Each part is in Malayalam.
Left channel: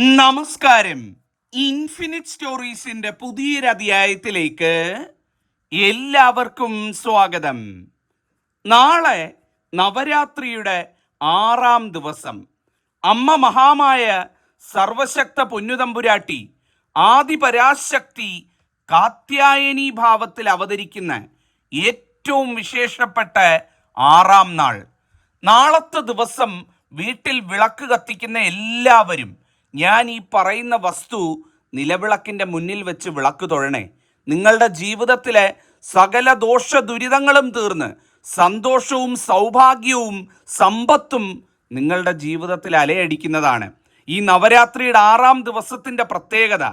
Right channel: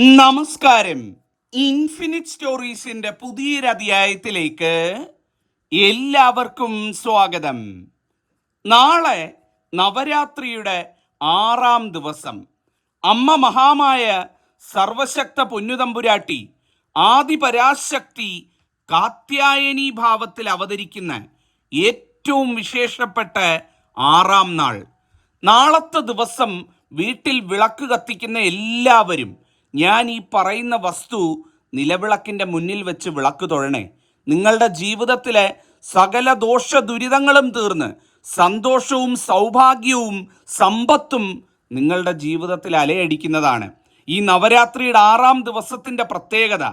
നമസ്കാരം. ഇൻഫിനിറ്റ് സ്റ്റോറീസിന്റെ പുതിയൊരധ്യായത്തിലേക്ക് എല്ലാവർക്കും സ്വാഗതം. നാളെ നവരാത്രിയുടെ ആറാം ദിവസം. അമ്മ മഹാമായ സർവശക്ത പൊന്നുതമ്പുരാട്ടി ആദിപരാശക്തി കാത്യായനി ഭാവത്തിൽ അവതരിക്കുന്ന ഏറ്റവും വിശേഷപ്പെട്ട ആറാം നാൾ. നാളത്തെ ദിവസം വീട്ടിൽ വിളക്ക് കത്തിക്കുന്ന എല്ലാവരും ഞാൻ ഈ പറയുന്ന വസ്തു നിലവിളക്കിന്റെ മുന്നിൽ വെച്ച് വിളക്ക് തൊഴണേ. നിങ്ങളുടെ ജീവിതത്തിലെ സകല ദോഷ ദുരിതങ്ങളും തീർന്ന് സന്തോഷവും സൗഭാഗ്യവും സമ്പത്തും നിങ്ങളുടെ ജീവിതത്തിൽ അലയടിക്കുന്നതാണ്. ഈ നവരാത്രിയുടെ ആറാം ദിവസത്തിന്റെ പ്രത്യേകത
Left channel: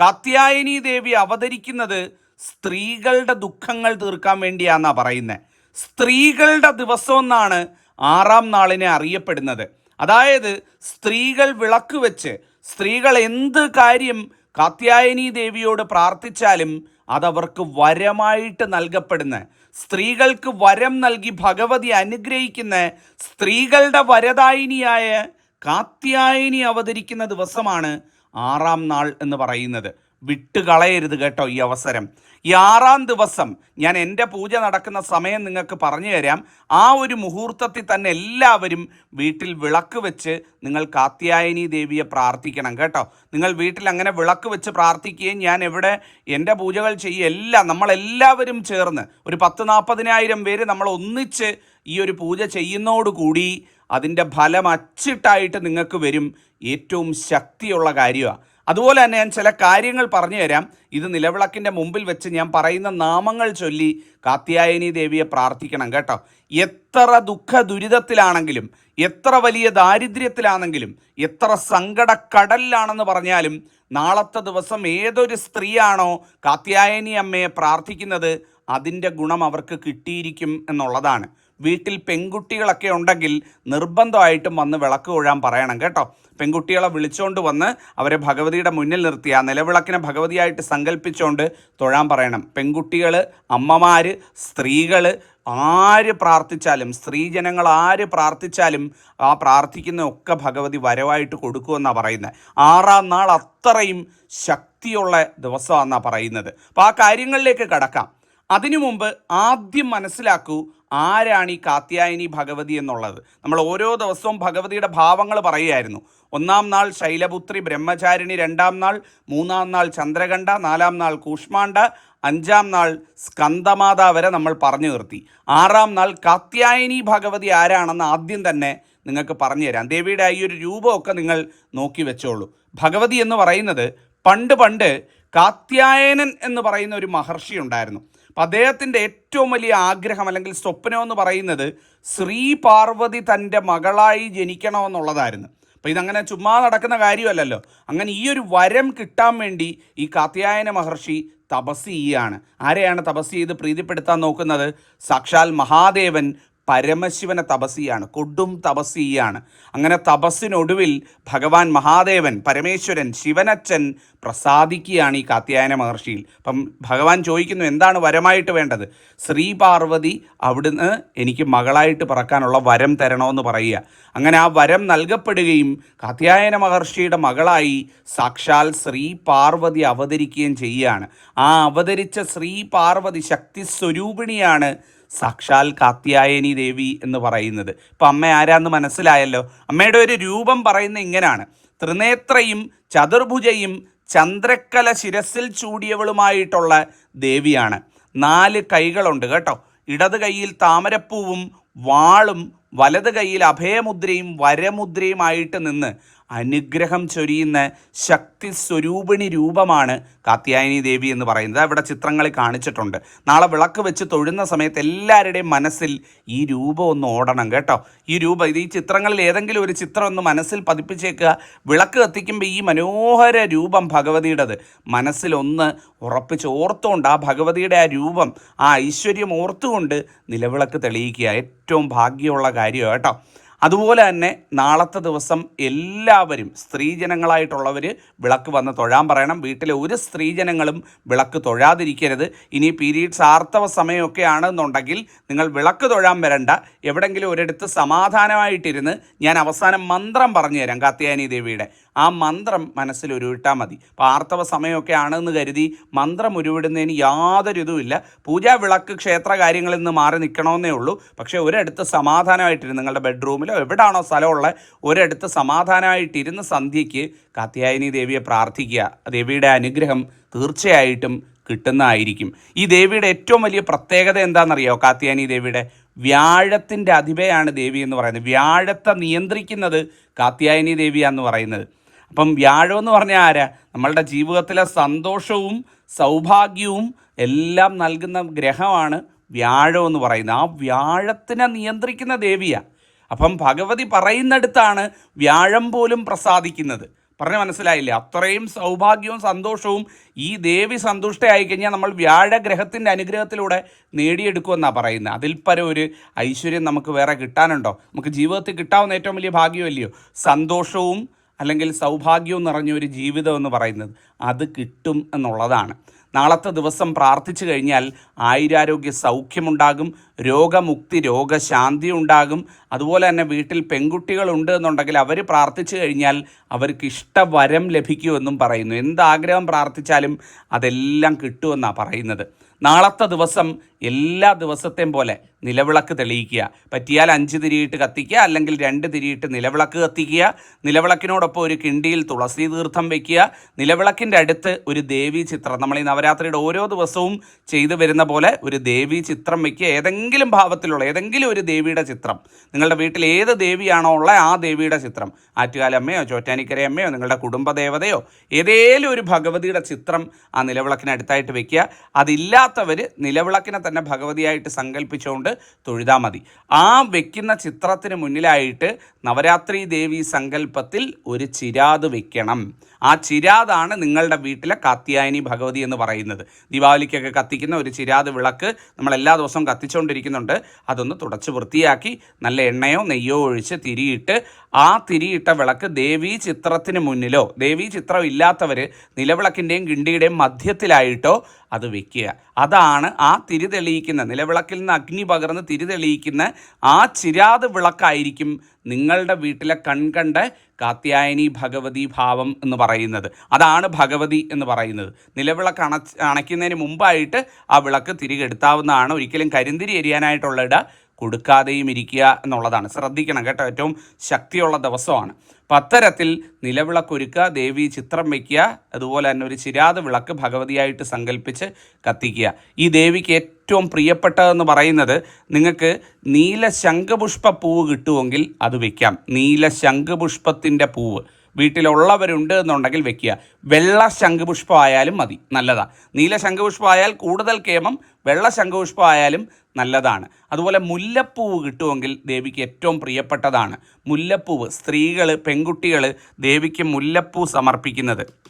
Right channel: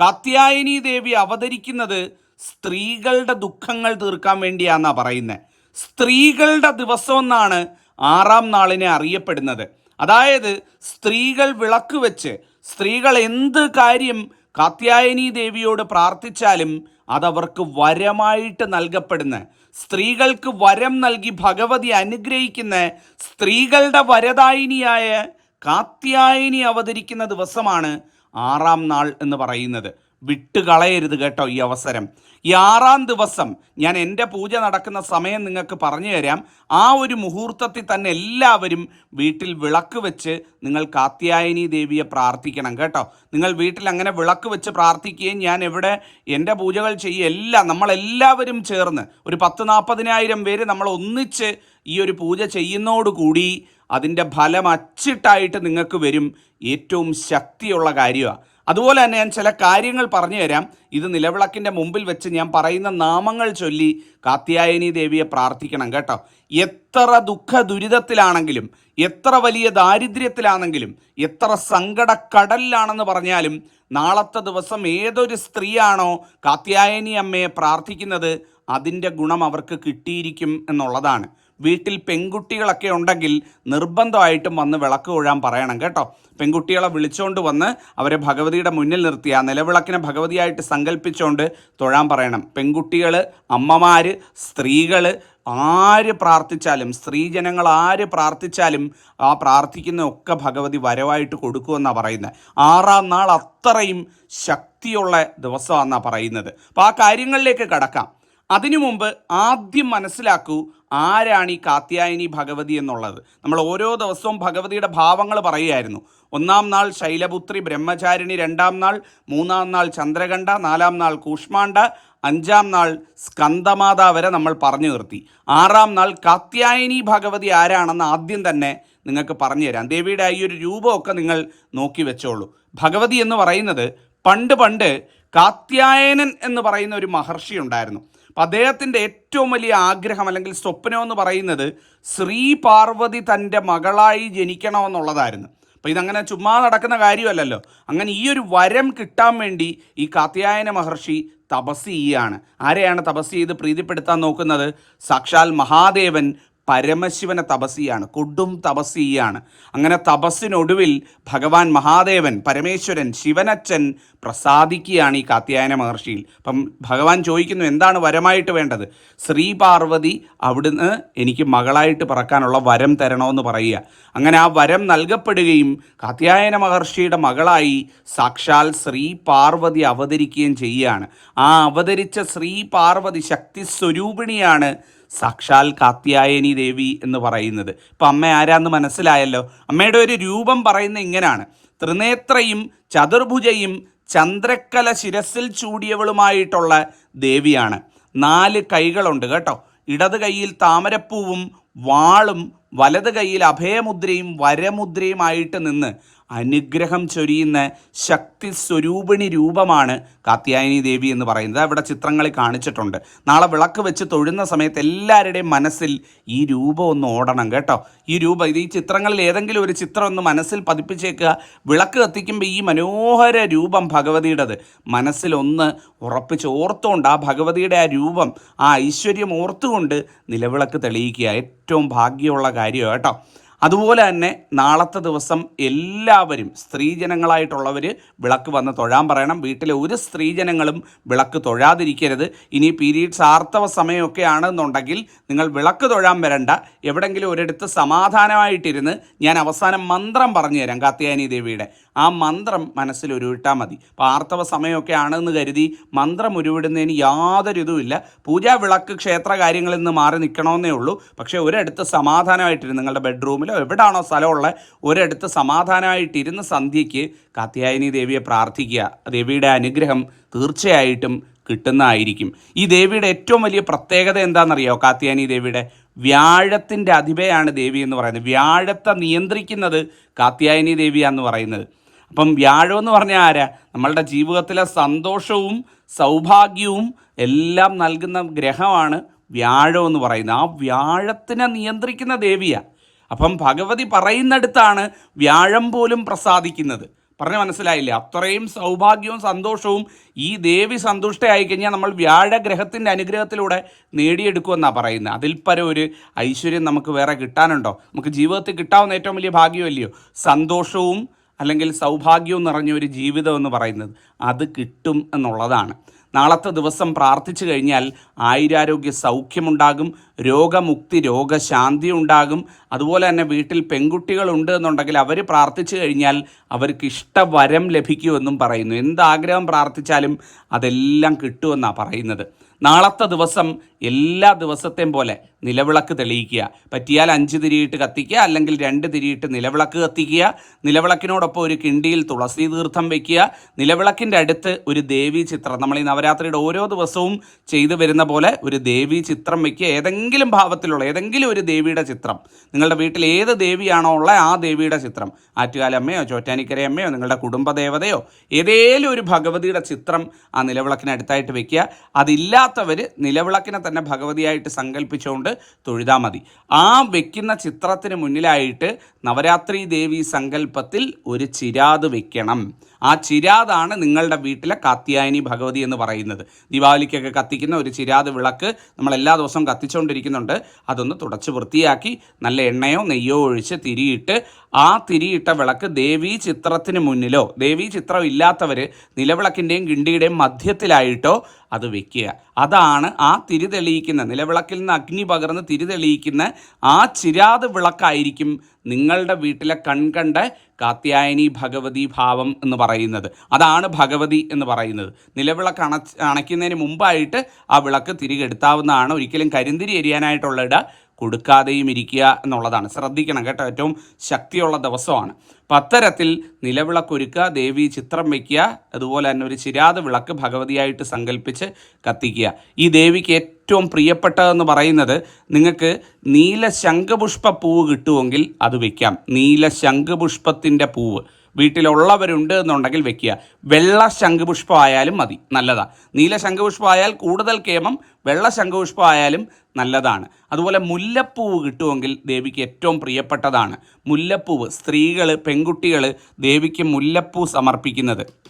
കാത്യായനി ദേവി അവതരിക്കുന്നത് സ്ത്രീകളുടെ ദുഃഖങ്ങൾ തീർക്കാൻ വേണ്ടിയാന്നാ പറയുന്നത് സ്ത്രീകളുടെ ദിവസം എന്നാണ് ആറാം നാളിനെ അറിയപ്പെടുന്നത്. അതായത് സ്ത്രീകൾ വിളക്ക് വെച്ച് സ്ത്രീകൾ എന്ത് കാര്യം കാത്യായനി ദേവിയോട് പ്രാർത്ഥിച്ചാലും അതവർക്ക് വരമായിട്ട് നൽകപ്പെടുന്ന സ്ത്രീകൾക്ക് വരം നൽകി ഭഗവതി അനുഗ്രഹിക്കുന്ന സ്ത്രീകളുടെ വരദായിനിയായ കാത്യായനി അവതരിക്കുന്ന ദിവസമാണ് ആറാം നാൾ എന്ന് പറയുന്നത്. വിട്ടുകളയരുത് കേട്ടോ ഈ അവസരം. ഈ ആറാം ദിവസം ഞാൻ എന്റെ പൂജ നടക്കുന്ന സമയം നിങ്ങൾക്ക് പറഞ്ഞു തരാം. ആ ഒരു മുഹൂർത്തത്തിൽ തന്നെ എല്ലാവരും വീട്ടിൽ വിളക്ക് വെച്ച് നിങ്ങൾ കാത്യായനി ദേവിയെ പ്രാർത്ഥിക്കണം കേട്ടോ. നിങ്ങൾ വീട്ടിൽ അങ്ങനെ വിളക്ക് വെച്ച് പ്രാർത്ഥിക്കുകയും ഞാൻ എവിടെ എന്റെ പൂജകൾ ചെയ്യുക എല്ലാം നമ്മളെല്ലാവരും ചേർന്ന് ഒരു പത്ത് നാൽപ്പതിനായിരം പേര് നമ്മൾ ഒന്നിച്ച് ഈ ഒരു പൂജ ചെയ്യുന്നതോടുകൂടി അതിന്റെ ഫലം അച്ചിട്ടായിട്ട് നിങ്ങൾക്ക് വരും. ഏറ്റവും ശക്തിയുള്ള കാര്യമാണ്. അതുപോലെ തന്നെ ഞാൻ ചില കാര്യങ്ങൾ പറഞ്ഞു തരാം. ഇത് നിലവിളക്കിന്റെ മുമ്പിൽ വെച്ച് ഞാൻ പറയുന്ന നാമങ്ങൾ ചൊല്ലി കാത്യായനി ദേവിയെ പ്രാർത്ഥിക്കണം കേട്ടോ. എത്ര ദുഃഖ ദുരിതത്തിലാണെങ്കിലും എത്ര വലിയ ദാരിദ്ര്യത്തിലാണെങ്കിലും എത്ര സങ്കടക്കടലിലാണെന്ന് പറഞ്ഞാലും നാളത്തെ ദിവസം ഏതൊരു സ്ത്രീയാണോ കാത്യായനി അമ്മയെ പ്രാർത്ഥിക്കുന്നത് അതിന്റെ ഗുണം അവർക്ക് കിട്ടിയിരിക്കും എന്നുള്ളതാണ്. വീട്ടിൽ പെൺകുട്ടികളൊക്കെ ഉണ്ടെങ്കിൽ നിർബന്ധമായിട്ടും വന്ന് വിളക്ക് കൊഴാൻ പറയണം കേട്ടോ. പെൺകുട്ടികളെ വിളിച്ചുകൊണ്ട് വന്ന് അവരെ ഭഗവതിയുടെ മുന്നിൽ നിർത്തി ആ നിലവിളക്കിനെ ഭഗവതിയായിട്ട് സങ്കല്പിച്ചുകൊണ്ട് തൊഴാൻ പറയണം. പെൺകുട്ടികൾ അമ്മമാർ സ്ത്രീകൾ ആര് പ്രാർത്ഥിച്ചാലും സ്ത്രീജനങ്ങൾ ആര് പ്രാർത്ഥിച്ചാലും ആ പ്രാർത്ഥിക്കുന്ന ഒക്കെ ഭഗവതി വരവായിട്ട് കൊടുക്കുമെന്നാണ് പറയുന്നത്. ആറാം നാൾ അത്രയും ശക്തിയുള്ള ദിവസമാണെന്നാണ് പറയുന്നത്. അപ്പോൾ ആ കാര്യങ്ങളിലേക്ക് കടക്കാം. അതിനു മുമ്പ് ആദ്യം മനസ്സിലാക്കൂ ആരാണ് ഈ കാത്യായനി ഭഗവതി എന്നുള്ളത്. നമ്മൾ ഓരോ ദിവസവും ഭഗവതിയുടെ ഭാവങ്ങൾ പറയുമായിരുന്നു ഒന്നാം നാൾ ശൈലപുത്രി ബ്രഹ്മചാരിണി രണ്ടാം നാൾ മൂന്നാം നാൾ ചന്ദ്രകണ്ഠ നാലാം നാൾ കൂഷ്മാണ്ഡ അഞ്ചാം നാൾ സ്കന്ദമാത വരെ നമ്മൾ പറഞ്ഞു നിർത്തി. ആറാം നാൾ കാത്യായനി ഭഗവതി ആരാണെന്ന് ആദ്യം തന്നെ നിങ്ങൾക്ക് പറഞ്ഞു തരാം. ദേവിയുടെ ഈ ഒരു രൂപമൊക്കെ നിങ്ങൾ നോക്കി വെച്ചോളൂ. ഭഗവതി എന്ന് പറയുന്നത് പണ്ട് പണ്ട് കാത്യായനൻ എന്ന് പറയുന്ന ഒരു മഹർഷി ഉണ്ടായിരുന്നു. അപ്പം അദ്ദേഹത്തിന്റെ ഏറ്റവും വലിയ ആഗ്രഹം അല്ലെങ്കിൽ സ്വപ്നം എന്ന് പറയുന്നത് ശ്രീ പാർവതി തന്റെ മകളായി ജനിക്കണമെന്നുള്ളതായിരുന്നു. അപ്പോൾ ഇതങ്ങനെ ചുമ്മാ നടക്കുന്ന കാര്യമല്ലല്ലോ. അങ്ങനെ ഈ ഒരു വരം കിട്ടാൻ വേണ്ടി ഈ കാത്യായന മഹർഷി തപസ് ചെയ്യുകയാണ് ആരെയാണ് തപസ് ചെയ്ത് പ്രീതിപ്പെടുത്താൻ നോക്കുന്നത്? സാക്ഷാൽ മഹാദേവൻ പരമശിവനെ തപസ് ചെയ്യാണ് കൊടും തപസ് ചെയ്യാണ് അങ്ങനെ തപസ്സിനൊടുവിൽ ഭഗവാൻ മഹാദേവൻ പരമേശ്വരൻ ശിവനച്ചൻ പ്രസാദിക്കുകയാണ് ഈ കാത്യായന മഹർഷിയിൽ. അപ്പം ഭഗവാൻ ചോദിക്കുന്നു എന്താണ് വരമായിട്ട് വേണ്ടത്? ശ്രീ പാർവതി അവിടുന്ന് എനിക്ക് മകളായിട്ട് പറക്കാനുള്ള വരം തരണമെന്ന് പറയുക. അങ്ങനെ ആ വരം നൽകപ്പെടുകയും കാത്യായന മഹർഷിയുടെ മകളായി സാക്ഷാൽ ശ്രീ പാർവതി അവതരിക്കുകയും ചെയ്യുകയാണ്. ആ അവതരിച്ച ശ്രീ പാർവതി ശക്തി സ്വരൂപിണിയാണ് സാക്ഷാൽ കാത്യായനി ദേവി എന്ന് പറയുന്നത്. ഇപ്പം അമ്മ ആരാന്ന് മനസ്സിലായല്ലോ? അമ്മയുടെ ഒരു രൂപം പറയുന്ന ഇങ്ങനാണ്. ത്രിനേത്രയും ചതുർഭുജയും ചന്ദ്രക്കല ശിരസിൽ ചൂടിയവളുമായിട്ടുള്ള ദേവിയാണ്. നാല് കൈകളുണ്ട് കേട്ടോ. ഇടത് കൈയിൽ താമരപ്പൂവും വാളും വലത് കൈയിൽ അഭയമുദ്രയും വരമുദ്രയുമായിട്ട് നിന്ന് അനുഗ്രഹം ചൊരിയുന്ന ശക്തി സ്വരൂപിണി രൂപമാണ് കാത്യായനി ദേവി എന്ന് പറയുന്നത്. അവിടെ ചിത്രങ്ങളിൽ കാണിച്ചിട്ടുണ്ട്. നാളെ വിളക്ക് വെച്ച് തൊഴുന്ന സമയത്ത് എല്ലാവരുടെയും മനസ്സിൽ ഈ രൂപം ഒന്ന് ഓടണം കേട്ടോ. ഈ രൂപം ഇത് ഈ ചിത്രങ്ങളിൽ ഏതെങ്കിലും ഒരു ചിത്രം ഒന്ന് മനസ്സിൽ പതിപ്പിച്ചേക്കുക. വിളക്ക് കത്തിക്കുമ്പോൾ ഈ മനോഹര രൂപം ഭഗവതിയുടേത്. മനസ്സിലൊന്ന് ഉറപ്പിച്ച് ഓർത്തുകൊണ്ട് ആ ഭഗവതിയുടെ ആ രൂപം ആ ഐശ്വര്യം ഓർത്തുകൊണ്ട് നിലവിളക്ക് തെളിയിക്കുക. ഏറ്റവും ഭാഗ്യമുള്ള കാര്യമാണ് കേട്ടോ. അതുപോലെ തന്നെ നാളത്തെ ദിവസം എല്ലാവരും സ്ത്രീജനങ്ങളായിട്ടുള്ളവർ വിളക്ക് വന്ന് തൊഴാൻ പറയണം. വീട്ടിലെ ഒരു സ്ത്രീജനങ്ങളും വിളക്ക് തൊഴാതിരിക്കരുത്. ഇനി പീരീഡ്സ് ആർത്തവ സമയമൊക്കെ ആണെന്നുണ്ടെങ്കിൽ നിങ്ങൾ വിളക്ക് തൊഴാൻ വരണ്ട. എവിടെങ്കിലും ഒരിടത്ത് സമാധാനമായിട്ടിരുന്ന് ഞാൻ അവസാനം മന്ത്രം പറഞ്ഞു തരാം കാത്യായനി ദേവിയുടെ. ആ മന്ത്രം മനസ്സിൽ ഉരുവിട്ടാൽ മതി. പാർത്ഥവ സമയമൊക്കെ ആണെന്ന് കരുതി മന്ത്രം ഉരുവിടുന്നതിന് യാതൊരു ഇതുമില്ല. പൂജാ വിളക്ക് ക്ഷേത്ര കാര്യങ്ങളിൽ നിന്ന് മാറി നിൽക്കണമെന്നേ ഉള്ളൂ. പക്ഷേ ഒരിടത്ത് സമാധാനമായിട്ടിരുന്ന് നിങ്ങളുടെ ബെഡ്റൂമിലോ എവിടാണോ സ്ഥലമുള്ള ഒരിടത്ത് സമാധാനമായിട്ടിരുന്ന് സന്ധ്യയ്ക്ക് കാത്യായനി ദേവിയെ പ്രാർത്ഥിക്കുക. ദേവിയുടെ അനുഗ്രഹം തീർച്ചയായിട്ടും കിട്ടുന്നതായിരിക്കും. ഈ ദേവിയുടെ ഏറ്റവും വലിയ പ്രത്യേകത എന്താണെന്നറിയോ? കാത്യായനി ദേവിയുടെ വ്യാഴത്തിന്റെ അധിപയാണ് ദേവി എന്ന് പറയുന്നത്. വ്യാഴത്തെ നിയന്ത്രിക്കുന്നത് കാത്യായനി ദേവിയാന്ന് പറയുന്നത്. അപ്പം വ്യാഴം എന്ന് പറഞ്ഞാൽ ആരാ? നമ്മളുടെ ജീവിതത്തിലെ സന്തോഷവും സൗഭാഗ്യവും എല്ലാം നൽകുന്ന ഗ്രഹമാണ് വ്യാഴം എന്ന് പറയുന്നത്. ആ വ്യാഴത്തിനെ നിയന്ത്രിക്കുന്ന ദേവിയാണ് അപ്പം ഭഗവതി പറയുന്നിടത്താണ് വ്യാഴം പോലും പ്രസാദിക്കുന്നത്. പറഞ്ഞ മനസ്സിലായില്ലേ? അത്രയും സൗഭാഗ്യവും സന്തോഷവും ഈ ദേവി സന്തുഷ്ടയായി കഴിഞ്ഞാൽ നമ്മൾ വ്യാഴഗ്രഹത്തിന്റെ അനുഗ്രഹത്തിലൂടെ നേടിയെടുക്കുമെന്നാണ് പറയുന്നത്. അതിൽ പരം ഒരു ഐശ്വര്യം നമുക്ക് വേറെ കിട്ടാനുണ്ടോ? നമുക്ക് ജീവിതത്തിൽ കിട്ടാവുന്ന ഏറ്റവും വലിയ ഭാഗ്യമല്ലയോ? സന്തോഷവും അല്ലെങ്കിൽ സൗഭാഗ്യവും നിറഞ്ഞ ഒരു ജീവിതം എന്ന് പറയുന്നത് അത് കിട്ടും എന്നുള്ളതാണ്. നാളത്തെ ദിവസം പ്രാർത്ഥിച്ചു കഴിഞ്ഞാൽ ആയുരാരോഗ്യ സൗഖ്യമുണ്ടാകും രോഗമുക്തി രോഗശാന്തി ഉണ്ടാകും. അതുപോലെ തന്നെ വീട്ടിൽ പെൺകുട്ടികളുണ്ട് എന്നുണ്ടെങ്കിൽ അവർ പ്രാർത്ഥിച്ചു കഴിഞ്ഞാൽ അവർക്ക് ഇഷ്ടവരം ലഭിക്കുമെന്നും പറയുന്നു. എന്താഗ്രഹം പ്രാർത്ഥിച്ചാലും അതെല്ലാം കിട്ടുമെന്നാണ് പറയുന്നത്. നാളത്തെ ദിവസം എല്ലാ ദിവസത്തെയും പോലെ നിലവിളക്ക് തെളിയിക്കുക. പറ്റിയാൽ അഞ്ച് തിരിയിട്ട് കത്തിക്കുക അല്ലെങ്കിൽ രണ്ട് തിരിയിട്ട് നിലവിളക്ക് കത്തിക്കുക. നിലവിളക്കിനോടൊപ്പം ഒരു കിണ്ടിയിൽ തുളസി തീർത്ഥം വയ്ക്കുക നിലവിളക്കിന്റെ അടുത്ത് ഒരു ദേവി ചിത്രം. നമ്മൾ ഈ നവരാത്രിയുടെ ഓരോ ദിവസവും ചെയ്തു വരുന്ന പോലെ ഒരു ദേവി ചിത്രം വയ്ക്കുക ഏതെങ്കിലും ഭാവത്തിലുള്ള ഏതെങ്കിലും ഒരു ദേവിയുടെ ചിത്രം നിങ്ങളുടെ വീട്ടിൽ ഏത് ദേവിയാണോ ഉള്ള ആ ദേവിയുടെ ചിത്രം. ആറ്റുകാലമ്മയോ ചോറ്റാനിക്കരയമ്മയോ നിങ്ങളുടെ കുടുംബദേവതയോ ഏതേലും ഒരു ഭഗവതിയുടെ ചിത്രം ആ നിലവിളക്കിന് അടുത്തായിട്ട് വെക്കുക. അതില്ലാത്തവർ നിലവിളക്കിനെ തന്നെ ഭഗവതിയായിട്ട് സങ്കല്പിച്ചുകൊണ്ട് തൊഴുതാൽ മതി. ആ വെക്കുന്ന ചിത്രത്തിന് മുന്നിലായിട്ട് നവരാത്രി ദേവി സങ്കല്പത്തിൽ ഒരു ചിരാത് വെക്കണം. ആ ചിരാതാണ് നിങ്ങളുടെ വീട്ടിലെ കാത്യായനി ഭഗവതി എന്ന് പറയുന്നത്. ദീപാവലിക്കൊക്കെ കത്തിക്കുന്ന ഒരു ചിരാത് വിളക്ക് നമ്മൾ എല്ലാ ദിവസവും കത്തിച്ചുകൊണ്ടിരിക്കുന്നുണ്ട്. അതൊന്ന് തുടച്ച് വൃത്തിയാക്കി നല്ല എണ്ണയോ നെയ്യോ ഒഴിച്ച് തിരിയിട്ട് ആ തിരിയിട്ട വിളക്ക് ദേവീ ചിത്രത്തിന് മുന്നിലോ ദേവീ ചിത്രം ഇല്ലാത്തവർ നിലവിളക്കിന്റെയും കിണ്ടിയുടെയും മധ്യത്തിലായിട്ടോ അത് വെക്കുക. അതാണ് ആ തിരി തെളിയിക്കുന്ന നിലവിളക്കിൽ നിന്ന് അഗ്നി പകർന്ന് തിരി തെളിയിക്കുന്ന ആ ചിരാത് വിളക്കായിരിക്കും നിങ്ങളുടെ വീട്ടിലെ കൺകണ്ട കാത്യായനി ഭഗവതി ഭാവം എന്ന് പറയുന്നത്. അതാണ് ഭഗവതി എന്ന് പറയുന്നത്. നിലവിളക്ക് അണ അണയ്ക്കുന്നതിന് മുമ്പായിട്ട് ആ വിളക്ക് തിരികെടുത്താവുന്നതാണ് ഒരിക്കലും കരിന്തിരി എരിയാനായിട്ടുള്ള ഇട കൊടുക്കാതെയും ഇരിക്കുക എന്നുള്ളതാണ്. ശ്രദ്ധിക്കണം കേട്ടോ ഏറ്റവും ശക്തിയുള്ള ദിവസമാണ്. അപ്പം അത്തരത്തിൽ നിലവിളക്കൊരുക്കുക ദേവി ചിത്രം വയ്ക്കുക അതുപോലെ തന്നെ ഒരു ചിരാത വിളക്ക് ഭഗവതിയായിട്ട് സങ്കല്പിച്ച് കത്തിക്കുക. ഈ ദേവിക്ക് ഏറ്റവും പ്രിയപ്പെട്ടതെന്ന് പറയുന്നത് നിങ്ങൾക്ക് നീല ശംഖുപുഷ്പ പൂവ് കിട്ടുമെങ്കിൽ അത് വയ്ക്കാം നീല ശംഖുപുഷ്പത്തിന്റെ പൂവ്. വീട്ടിലുള്ളവരുണ്ട് എന്നുണ്ടെങ്കിൽ വെക്കുക. വെള്ള ശംഖുപുഷ്പം ആയാലും മതി നല്ലതാണ് നീല ശംഖുപുഷ്പം ആയാൽ കൂടുതൽ കേമം വെള്ള ശംഖുപുഷ്പം ആയാലും നല്ലതാണ്. അതുപോലെ മുല്ലപ്പൂവ് കിട്ടുമെങ്കിൽ ദേവിക്ക് ഏറ്റവും പ്രിയപ്പെട്ടതാണ്. മുല്ലപ്പൂവ് സ്ത്രീകൾ പെൺകുട്ടികൾ ദേവിക്ക് മുല്ലപ്പൂ സമർപ്പിക്കുന്നത്.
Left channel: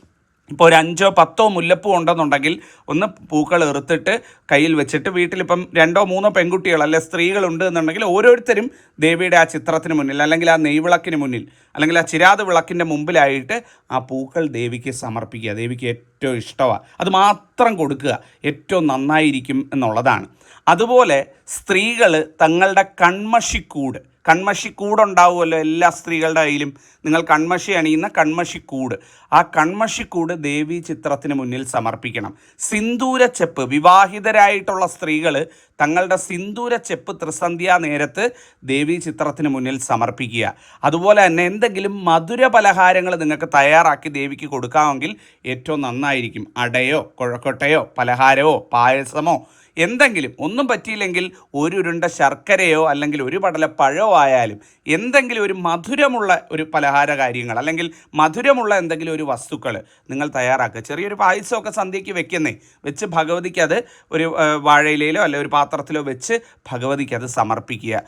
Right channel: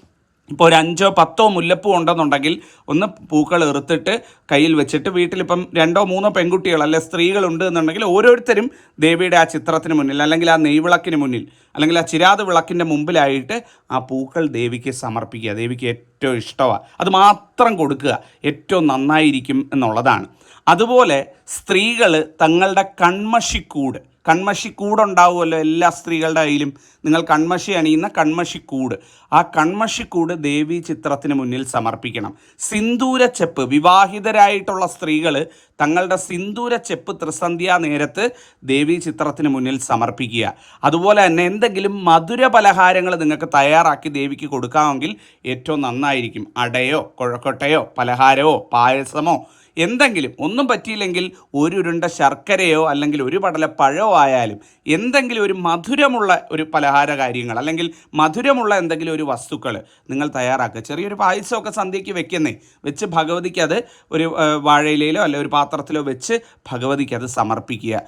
ഇപ്പോൾ ഒരു അഞ്ചോ പത്തോ മുല്ലപ്പൂ ഉണ്ടെന്നുണ്ടെങ്കിൽ ഒന്ന് പൂക്കൾ എറുത്തിട്ട് കയ്യിൽ വെച്ചിട്ട് വീട്ടിലിപ്പം രണ്ടോ മൂന്നോ പെൺകുട്ടികൾ അല്ലെ സ്ത്രീകളുണ്ട് എന്നുണ്ടെങ്കിൽ ഓരോരുത്തരും ദേവിയുടെ ആ ചിത്രത്തിന് മുന്നിൽ അല്ലെങ്കിൽ ആ നെയ്വിളക്കിന് മുന്നിൽ അല്ലെങ്കിൽ ആ ചിരാത് വിളക്കിന്റെ മുമ്പിലായിട്ട് ആ പൂക്കൾ ദേവിക്ക് സമർപ്പിക്കുക ദേവിക്ക് ഏറ്റവും ഇഷ്ടമാണ് അത് മാത്രം കൊടുക്കുക ഏറ്റവും നന്നായിരിക്കും എന്നുള്ളതാണ്. അതുപോലെ സ്ത്രീകൾ തങ്ങളുടെ കൺമഷിക്കൂട് കൺമഷിക്കൂടുണ്ടാവുമല്ലോ എല്ലാ സ്ത്രീകളുടെ കയ്യിലും. നിങ്ങൾ കൺമഷി അണിയുന്ന കൺമഷി കൂട്. ആ കൺമഷി കൂട് ദേവി ചിത്രത്തിന് മുന്നിൽ സമർപ്പിക്കണം. സിന്ദൂരച്ചെപ്പ് വിവാഹിതരായിട്ടുള്ള സ്ത്രീകൾ തങ്ങളുടെ സിന്ദൂരച്ചെപ്പ് ത്രിസന്ധ്യാ നേരത്ത് ദേവി ചിത്രത്തിന് മുന്നിൽ സമർപ്പിക്കുക. അതുപോലെ തന്നെ എന്തെങ്കിലും മധുര പലഹാരങ്ങൾ നിങ്ങൾക്ക് തയ്യാറാക്കി ദേവിക്ക് കൊടുക്കാമെങ്കിൽ ഏറ്റവും നന്നായിരിക്കും. അടയോ കുഴക്കൊട്ടയോ പലഹാരമോ പായസമോ എന്തെങ്കിലും ഒന്നും പറ്റിയില്ലെങ്കിൽ ഒരു ഉരുണ്ട ശർക്കരയോ അല്ലെങ്കിൽ ഒരു പടല പഴമോ ആയാലും എന്തെങ്കിലും ഒരു മധുരമുള്ള ഒരു പലഹാര കാര്യങ്ങൾ അല്ലെങ്കിൽ മധുരമുള്ള എന്തെങ്കിലും ഒരു വസ്തുക്കൾ നിങ്ങൾ തയ്യാറാക്കുക. ചെറിയൊരു പായസമൊക്കെ സന്ധ്യയ്ക്ക് വെക്കുന്നേ. വെച്ച് ഭഗവതിക്ക് അത് ഒരു വാഴയിലയിലോ അല്ലെ ഒരു പാത്രത്തിലോ വെച്ച് ഭഗവതിക്ക് അത് സമർപ്പിക്കുക.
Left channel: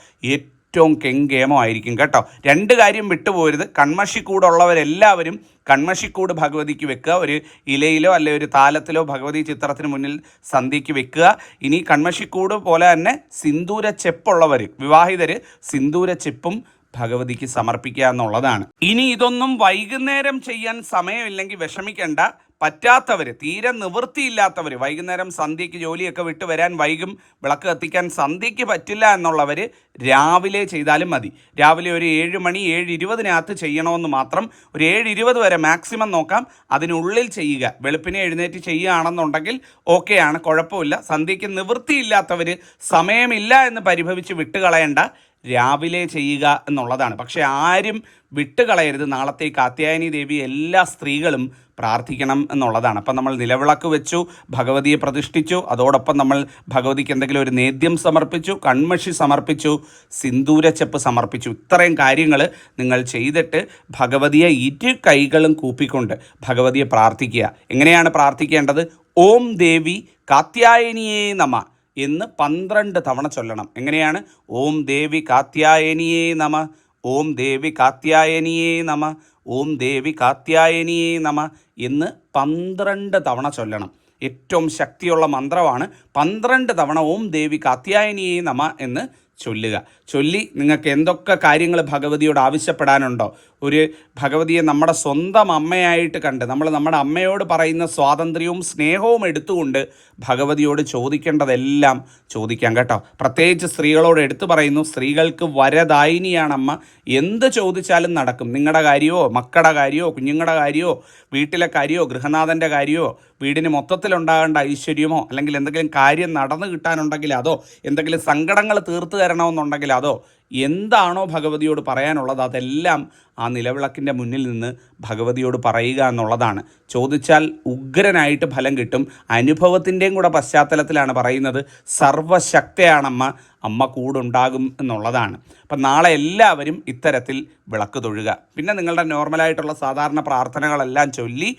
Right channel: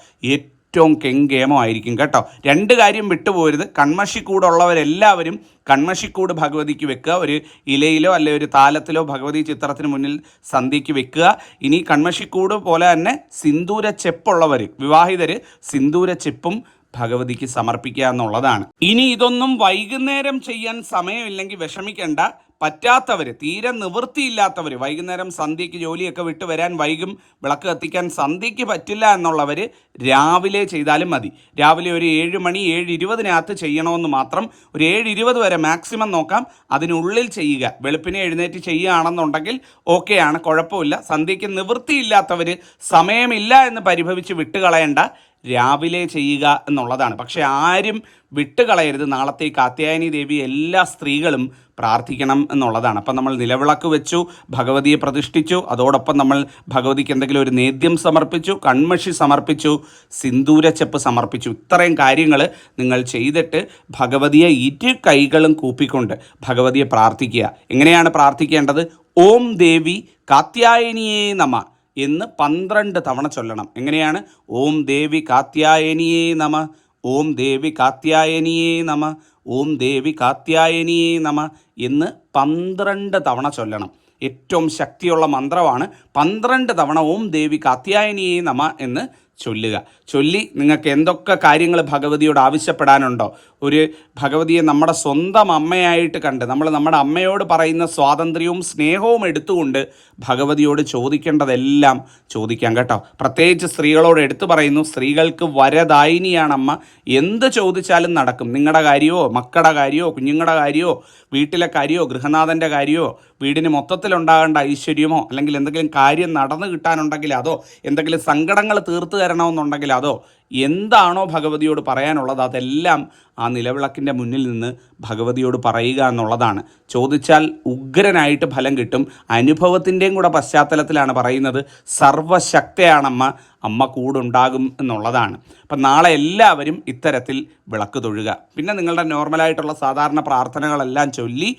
ഏറ്റവും കെങ്കേമമായിരിക്കും കേട്ടോ. രണ്ട് കാര്യം വിട്ടുപോരുത്. കൺമഷിക്കൂടുള്ളവരെല്ലാവരും കൺമഷിക്കൂട് ഭഗവതിക്ക് വെക്കുക. ഒരു ഇലയിലോ അല്ലെ ഒരു താലത്തിലോ ഭഗവതി ചിത്രത്തിന് മുന്നിൽ സന്ധ്യയ്ക്ക് വെക്കുക. ഇനി കൺമഷിക്കൂട് പോലെ തന്നെ സിന്ദൂര ചെപ്പുള്ളവർ വിവാഹിതർ സിന്ദൂര ചെപ്പും ഭഗവതിക്ക് സമർപ്പിക്കുക എന്നുള്ളതാണ്. ഇനി ഇതൊന്നും വൈകുന്നേരം ചെയ്യാൻ സമയമില്ലെങ്കിൽ വിഷമിക്കേണ്ട. പറ്റാത്തവർ തീരെ നിവൃത്തിയില്ലാത്തവർ വൈകുന്നേരം സന്ധ്യയ്ക്ക് ജോലിയൊക്കെ വിട്ട് വരാൻ വൈകും വിളക്ക് കത്തിക്കാൻ സന്ധ്യയ്ക്ക് പറ്റില്ല എന്നുള്ളവർ രാവിലെ ചെയ്താലും മതി. രാവിലെ ഒരു ഏഴ് മണി ഏഴ് ഇരുപതിനകത്ത് ചെയ്യണമെന്ന് മാത്രം ഒരു ഏഴ് ഇരുപത് വരെ മാക്സിമം നോക്കാം. അതിനുള്ളിൽ ചെയ്യുക. വെളുപ്പിനെ എഴുന്നേറ്റ് ചെയ്യുകയാണെന്നുണ്ടെങ്കിൽ ഓക്കെയാണ് കുഴപ്പമില്ല. സന്ധ്യയ്ക്ക് നിവൃത്തിയില്ലാത്തവർ സമയമില്ല എന്ന് പരിഭവിച്ച് വിട്ടുകളയേണ്ട. രാവിലെ ചെയ്യുക എന്നുള്ളതാണ്. പക്ഷെ ആരും വിട്ടുകളയരുത്. നാളത്തെ കാത്യായനി ദേവി എല്ലാ സ്ത്രീകളും പ്രാർത്ഥിക്കണം എന്നുള്ളതാണ്. അപ്പം നമ്മൾ നിലവിളക്ക് വെച്ചു ഭഗവതിയെ പ്രതിഷ്ഠിച്ചു. അതോടൊപ്പം നമ്മൾ ഭഗവതിക്ക് എന്തെങ്കിലും ഒരു നേദ്യം സമർപ്പിച്ചു കൺമഷി സമർപ്പിച്ചു സിന്ദൂരച്ചെപ്പ് സമർപ്പിച്ചു. ഇത്രയും കാര്യങ്ങൾ നിങ്ങൾ ചെയ്തിട്ട് ഭഗവതിയെ ഇരു കൈകളും കൂപ്പിക്കൊണ്ട് ഭഗവതിയെ പ്രാർത്ഥിക്കുക. എങ്ങനെയാണ് പ്രാർത്ഥിക്കേണ്ടത്? ഓം ദേവി കാത്യായനിയേ നമ. എന്ന് പന്ത്രണ്ട് തവണ ചൊല്ലണം. എങ്ങനെയാണ്? ഓം ദേവി കാത്യായനിയേ നമ. ഓം ദേവി കാത്യായനിയേ നമ. ഓം ദേവി കാത്യായനിയേ നമ എന്ന് പന്ത്രണ്ട് തവണ ചൊല്ലണം. ഏറ്റവും ശക്തിയുള്ള മന്ത്രമാണ് പന്ത്രണ്ട് തവണ ഓം ദേവി കാത്യായനിയേ നമ എന്ന് ചൊല്ലുക. ചൊല്ലി നിങ്ങൾക്ക് എന്തൊക്കെ കാര്യങ്ങൾ ഭഗവതിയോട് ആവശ്യപ്പെടാനുണ്ടോ? ഒരു ഭഗവതിയെ നമ്മുടെ സ്വന്തം അമ്മയായിട്ട് കണ്ട് നമ്മൾ നമ്മുടെ അമ്മയോട് പറയുന്ന സ്വാതന്ത്ര്യവും സ്നേഹവും എടുത്തുകൊണ്ട് ഭഗവതിയോട് ചോദിക്കേണ്ടതെല്ലാം ചോദിക്കാം കേട്ടോ. പ്രത്യേകിച്ച് സ്ത്രീകളോട് എടുത്തു പറയുന്നു സ്ത്രീകൾക്ക് വരദായിനിയാണ് അമ്മ എന്ത് ചോദിച്ചാലും നടക്കും. നിങ്ങളുടെ കാര്യമോ മക്കളുടെ കാര്യമോ കുഞ്ഞുങ്ങളുടെ കാര്യമോ വീട്ടിലെ കാര്യമോ ഗൃഹനാഥന്റെ കാര്യമോ വീടിന് മൊത്തത്തിലുണ്ടാകേണ്ട ഐശ്വര്യമോ അല്ലെങ്കിൽ എന്തെങ്കിലും കാര്യം നടന്നു കിട്ടാനുണ്ടെങ്കിൽ അതോ എന്തെങ്കിലും സങ്കടങ്ങൾ തീർത്തു തരണമെന്നുണ്ടെങ്കിൽ അതോ എന്താണോ ഭഗവതിയോട് പറയാനുള്ളത് അതെല്ലാം ആ നിലവിളക്കിന്റെ മുന്നിൽ നിന്ന് ഭഗവതിയോട് പറയുക എന്നുള്ളതാണ്. ചോദിച്ചാൽ ഉഗ്രനായിട്ട് ഫലം കിട്ടും. അനുഭവത്തിന്റെയും കൂടെ പശ്ചാത്തലത്തിലാണ് പറയുന്നത്. സർവശക്തയാണമ്മ അമ്മ കൂടുണ്ടാകും എന്നുള്ളതാണ്. അപ്പം നാളെ എല്ലാവരും ഇത്തരത്തിൽ വിളക്ക് തൊഴുക. പിന്നെ നിങ്ങളുടെ നോർമലായിട്ടുള്ള സാധാരണ പ്രാർത്ഥനകളെല്ലാം ചൊല്ലി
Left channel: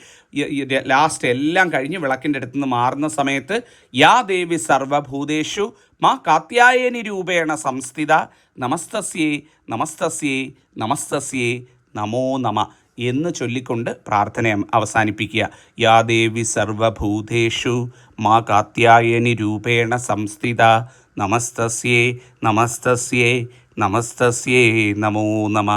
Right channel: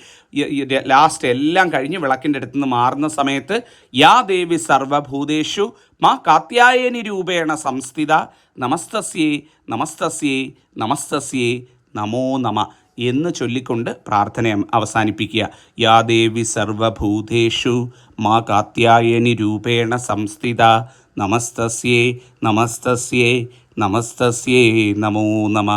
ലാസ്റ്റ് എല്ലാം കഴിഞ്ഞ് വിളക്കിന്റെ അടുത്ത് നിന്ന് മാറുന്ന സമയത്ത് യാ ദേവി സർവഭൂതേഷു മാ കാത്യായനി രൂപേണ സംസ്ഥിത നമസ്തസ്യേ നമസ്തസ്യേ നമസ്തസ്യേ നമോ നമ എന്ന് ചൊല്ലിക്കൊണ്ട് പ്രാർത്ഥന അവസാനിപ്പിക്കുക. യാ ദേവി സർവഭൂതേഷു മാ കാത്യായനി രൂപേണ സംസ്ഥിത നമസ്തസ്യേ നമസ്തസ്യേ നമസ്തസ്യേ നമോ നമ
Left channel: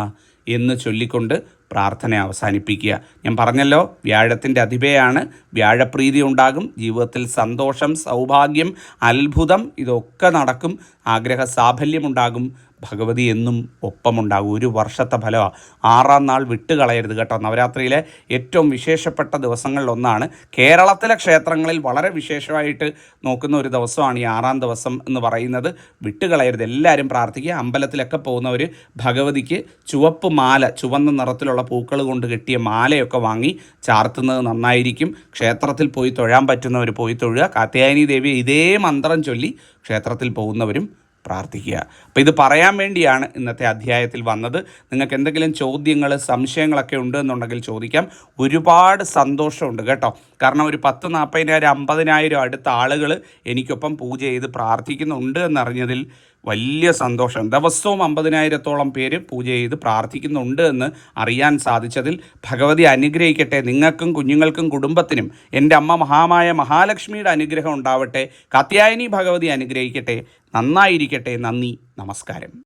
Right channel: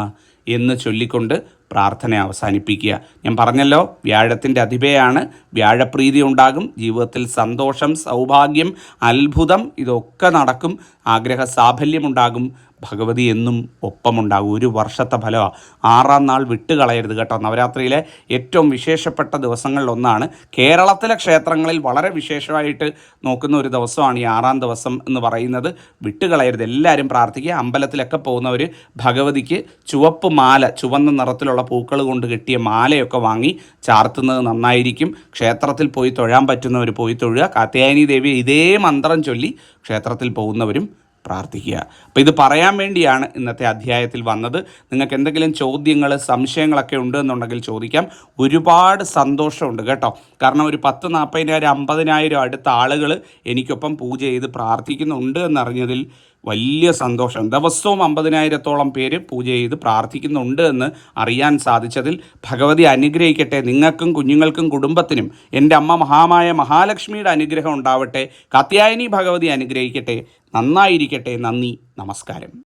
എന്ന് ചൊല്ലിക്കൊണ്ട് പ്രാർത്ഥന അവസാനിപ്പിക്കുക. ഞാൻ പറഞ്ഞല്ലോ വ്യാഴത്തിന്റെ അതിഥയാണ് വ്യാഴപ്രീതി ഉണ്ടാകും. ജീവിതത്തിൽ സന്തോഷം സൗഭാഗ്യം അത്ഭുതം ഇതൊക്കെ നടക്കും. ആഗ്രഹ സാഫല്യമുണ്ടാകും ഭഗവതി എന്നും ഒപ്പമുണ്ടാകും. ഒരു വർഷത്തെ ഫലമാണ് ആറാം നാൾ വിട്ടുകളയരുത് കേട്ടോ. നവരാത്രിയിലെ ഏറ്റവും വിശേഷപ്പെട്ട ദിവസങ്ങളിലൊന്നാണ്. കേരളത്തിലെ ക്ഷേത്രങ്ങളിൽ വളരെ വിശേഷമായിട്ട് നോക്കുന്ന ഒരു ദിവസമാണ് ഈ ആറാം ദിവസം എന്ന് പറയുന്നത്. വിട്ടുകളയരുത്. എല്ലാവരും പ്രാർത്ഥിക്കുക. അമ്പലത്തിലൊക്കെ പോകുന്നവർ ഭഗവതിക്ക് ചുവപ്പ് മാല ചുവന്ന നിറത്തിലുള്ള പൂക്കൾ കൊണ്ട് കെട്ടിയ മാലയൊക്കെ വാങ്ങി ചാർത്തുന്നത് നന്നായിരിക്കും. ക്ഷേത്രത്തിൽ പോയി തൊഴാൻ പറ്റുന്നവർ പോയി തൊഴുക. കാത്യായനി ദേവി ഇതേ മന്ത്രം ചൊല്ലി ക്ഷേത്രത്തിൽ പോകുന്നവരും പ്രാർത്ഥിക്കുക. അപ്പോൾ ഇത് പറയാൻ വേണ്ടിയാണ് ഇന്നത്തെ അധ്യായത്തിൽ വന്നത്. നിങ്ങൾക്ക് എന്തെങ്കിലും ചോദ്യങ്ങൾ സംശയങ്ങളൊക്കെ ഉണ്ട് എന്നുണ്ടെങ്കിൽ ചോദിക്കാം. ഒരുപാട് സന്തോഷമുണ്ട് കേട്ടോ. കാരണം ഒരു പത്ത് നാൽപ്പതിനായിരം അമ്പതിനായിരം അടുത്ത ആളുകൾ എനിക്കൊപ്പം പൂജ ചെയ്ത് പ്രാർത്ഥിക്കുന്നുണ്ട് എന്നറിഞ്ഞതിൽ വലിയ സന്തോഷം. ദിവസവും അമ്പതിനായിരത്തോളം പേര് പൂജ ചെയ്ത് പ്രാർത്ഥിക്കുന്നുണ്ട് എന്ന് അറിയാൻ സാധിച്ചതിൽ ഭഗവതി അനുഗ്രഹിക്കട്ടെ. നിങ്ങൾക്കും കുഞ്ഞുങ്ങൾക്കും കുടുംബത്തിനും എന്റെ അമ്മ മഹാമായ മഹാലക്ഷ്മിയുടെ അനുഗ്രഹം ഉണ്ടാവട്ടെ. കാത്യായനി ഭഗവതി അനുഗ്രഹിക്കട്ടെ. നന്നായിരിക്കട്ടെ. നന്ദി. നമസ്കാരം.